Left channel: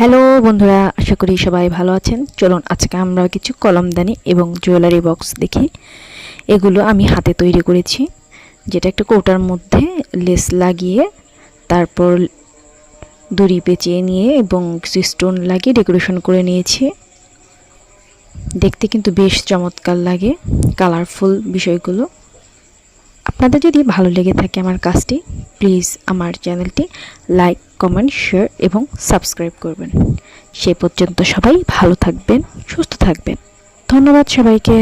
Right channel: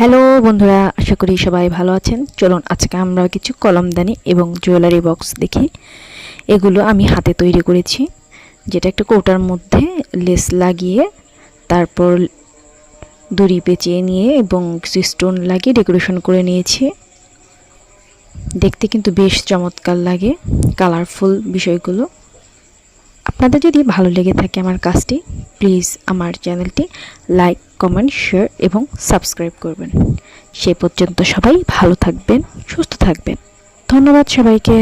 Hello বন্ধুরা, আশা করি সবাই ভালো আছেন। চলুন আজকে আমরা কিছু কলমদানি এবং জুয়েলারি বক্স দেখি। এগুলো আমি হাতে তৈরি করেছি, যেটা একটা কৌটার মধ্যে লেস লাগিয়ে তারপর দড়ি পেঁচিয়ে নিয়ে এবং কিছু স্টোন লাগিয়ে ডেকোরেশন করে নিয়েছি। দেখতে কিন্তু বেশ চমৎকার লাগে, কালারফুল বিষয়গুলো। আপনাদের যদি ভালো লেগে থাকে আমার কাজটি, প্লিজ আমার চ্যানেলটি লাইক কমেন্ট শেয়ার এবং সাবস্ক্রাইব করবেন। সেই পর্যন্ত সবাই ভালো থাকবেন সুস্থ থাকবেন। ধন্যবাদ সবাইকে।